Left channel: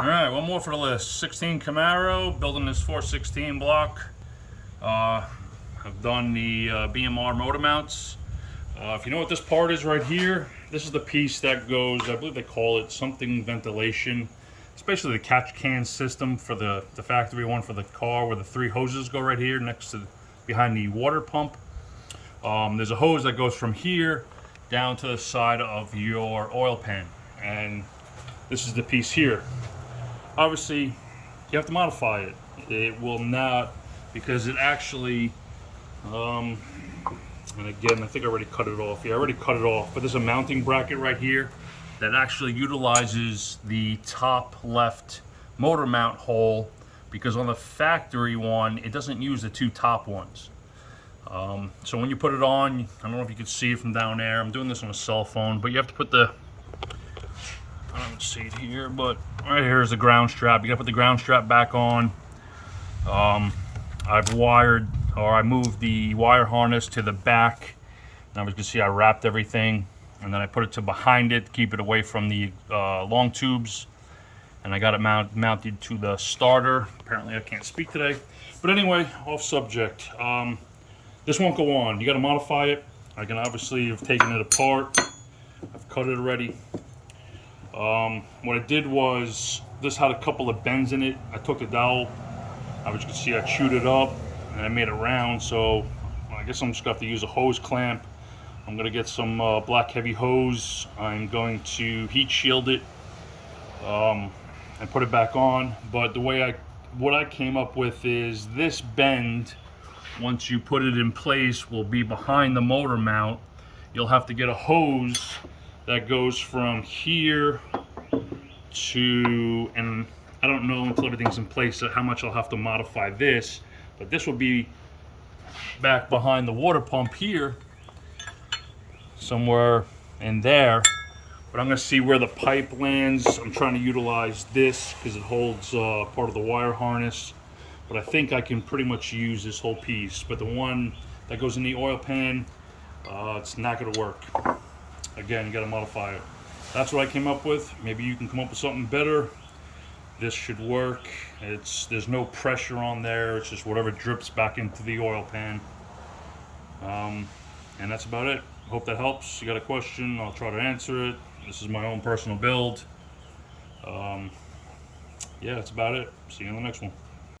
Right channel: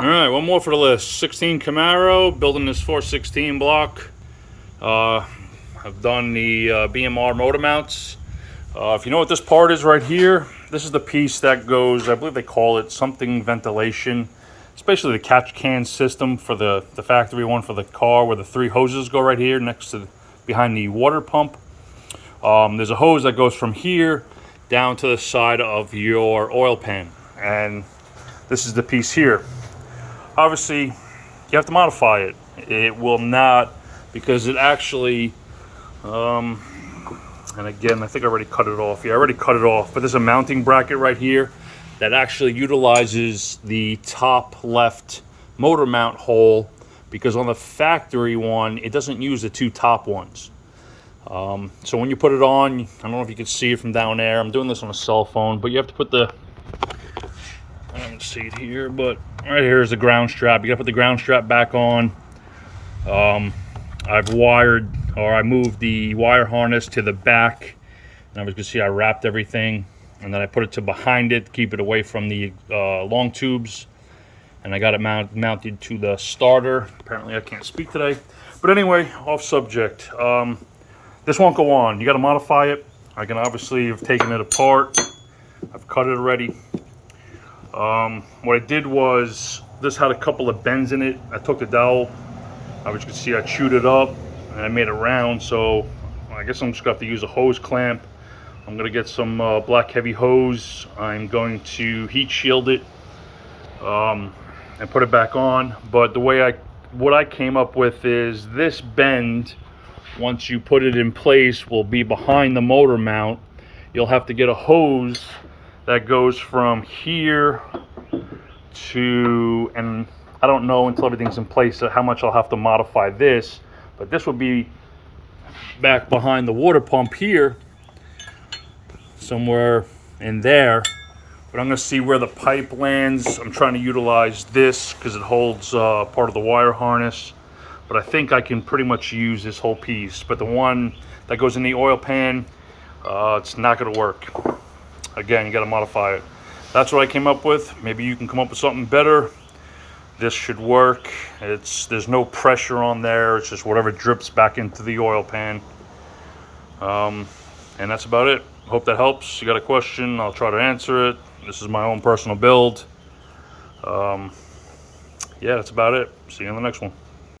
All right, one more for the list. 16 Camaro, building this 416 block. I've done the BMR motor mounts. If you know what this part is right here, this is the piece that goes, I believe they call it something ventilation. It's basically the catch can system for the factory one for the car, where the three hoses go right here next to behind the water pump. There's a hose that goes from here down to the side of your oil pan, and this is the piece here. Obviously, you have to modify it. It will not, because it actually, and again, I think I already cut it off. Yeah, I already cut it off, but there's a mounting bracket right here that actually utilizes the top left motor mount hole, because on the factory one, it doesn't use the two top ones. So when you put it on, I don't know if you can see it from down there. I'm doing this on a cell phone, but you have to put the, I don't see it here, but right here is the ground strap. You gotta put the ground strap back on. I moved the wire harness to the back, and as you can see, I wrapped everything, and then I put it to behind it to keep it away from the long tubes, and I got it mounted to the starter. Apparently I can't speak today, but anyway, off subject. This won't go on. You got to modify it. I can obviously have taken it apart. I've cut it already. What I did was, this had a couple of bends in it. I took the dowel, as you can see, I chewed it up and I made it round. So I guess I'm just gonna have to use a hose clamp. I'm gonna get some black heavy hose. I'm going to heat shield it and put it back on. But the way what I came up with is this bend, once you put it in place, will be behind the motor mount. You'll have to get a hose that goes from here to, and I don't know until everything's in place how much I'll have to modify this, but this will be back behind the water pump here, somewhere in there. But I'm gonna see where the pipe lands. I'm trying to utilize this because it holds part of the wire harness, but I think I can pretty much use this whole piece. But the one that goes in the oil pan, it's not gonna work. Again, you gotta modify it. That's what I came up with. Maybe you can come up with something better. This should work. There's no pressure on there. It's just whatever drips back into the oil pan. And that's about it. Hope that helps. You got a question, I'll try to answer it. This is my own personal build. Yeah, that's about it. See you on the next one.